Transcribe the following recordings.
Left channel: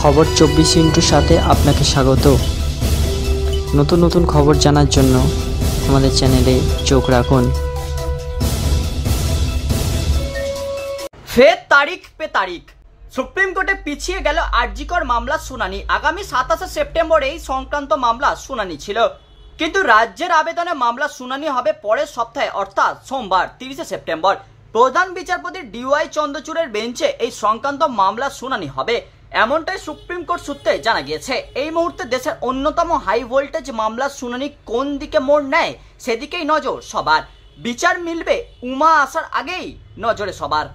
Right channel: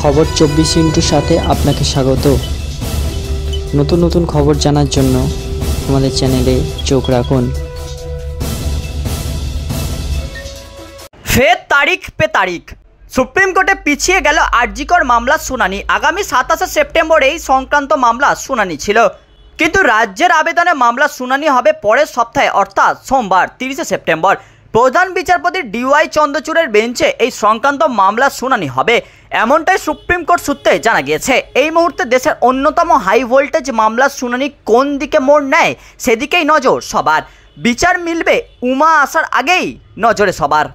খবর 24 সাথে আপনাকে স্বাগত। নতুন নতুন খবর জানার জন্য আমাদের চ্যানেলে চোখ রাখুন। ফের তারিখ পে তারিখ, সুপ্রিম কোর্টে পিছিয়ে গেল আরজিকর মামলার শুনানি। আগামী 27 সেপ্টেম্বর এই সংক্রান্ত মামলা শুনানি ছিল, কিন্তু রাজ্যের আবেদনে মামলা শুনানি হবে পরের সপ্তাহে অর্থাৎ সোমবার 30 সেপ্টেম্বর। প্রধান বিচারপতি ডিওয়াই চন্দ্রচূড়ের বেঞ্চে এই সংক্রান্ত মামলার শুনানি হবে, এমনটাই সুপ্রিম কোর্ট সূত্রে জানা গিয়েছে। এই মুহূর্তে দেশের অন্যতম হাই ভোল্টেজ মামলার শুনানি কোন দিকে মোড় নেয় সেদিকেই নজর সবার। বিচার মিলবে উমা আসার আগেই নজরে সবার।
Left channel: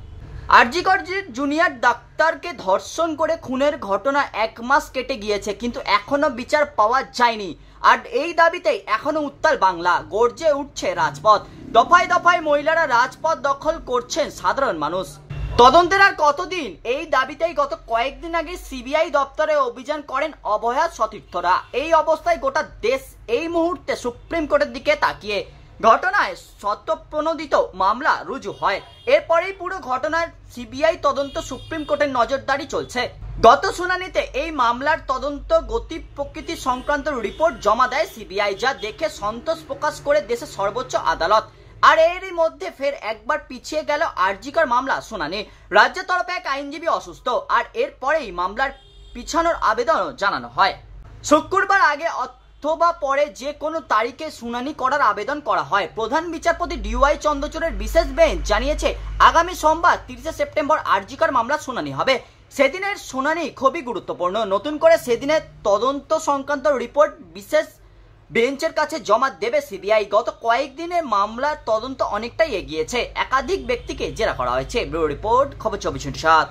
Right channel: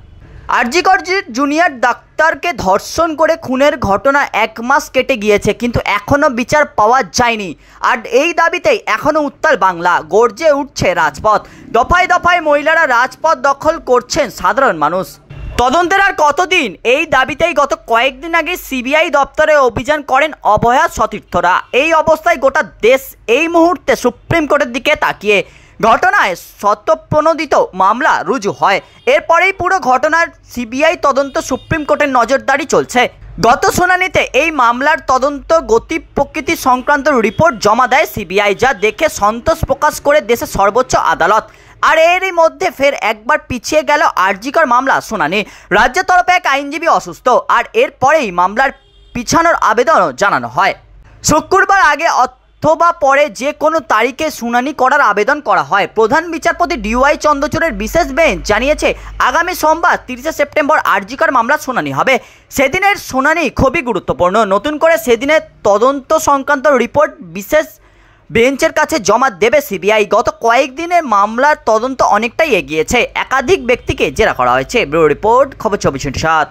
আরজিকর জুনিয়র ডাক্তারকে ধর্ষণ করে খুনের ঘটনা 1 মাস কেটে গিয়েছে, কিন্তু এখনও বিচার পাওয়া যায়নি। আর এই দাবিতেই এখনও উত্তাল বাংলা, গর্জে উঠছে রাজপথ। দফায় দফায় মহিলারা রাজপথ দখল করছেন সাধারণ মানুষ। তদন্তের আর কতদিন, এই দাবিতেই গত কয়েকদিন আগে সিবিআই দপ্তরে অভিযান করেন অভয়া সতীর্থরা। এই অবস্থায় গোটা দেশ এই মুহূর্তে সুপ্রিম কোর্টের দিকে তাকিয়ে। ঘটনায় স্বতঃপ্রণোদিত মামলা রুজু হয়, এরপরেই পুরো ঘটনার সিবিআই তদন্ত সুপ্রিম কোর্টের নজরদারি চলছে। গত শুনানিতে এই মামলার তদন্ত গতি প্রকৃতি সংক্রান্ত রিপোর্ট জমা দেয় সিবিআই, যা দেখে সন্তোষ প্রকাশ করে দেশের সর্বোচ্চ আদালত। আর এরই মধ্যে ফের একবার পিছিয়ে গেল আরজিকর মামলা শুনানি। রাজ্যের তরফে এক আইনজীবী অসুস্থ, আর এরপরেই মামলার পিছানোর আবেদনও জানানো হয়। শুক্রবার আগে অথবা পরে যে কোনো তারিখে শুনানি করার আবেদন করা হয়। প্রধান বিচারপতি ডিওয়াই চন্দ্রচূড়ের বিশেষ বেঞ্চ জানিয়েছে আগামী সোমবার 30 সেপ্টেম্বর আরজিকর মামলার শুনানি হবে। সেদিনের শুনানি খুবই গুরুত্বপূর্ণ। নতুন করে সেদিনের তদন্ত সংক্রান্ত রিপোর্ট বিশেষ বেঞ্চের কাছে জমা দেবে সিবিআই। গত কয়েকদিনের মামলার তদন্ত অনেকটাই এগিয়েছে, একাধিক ব্যক্তিকে জেরা করা হয়েছে। ব্যুরো রিপোর্ট, খবর 24/7।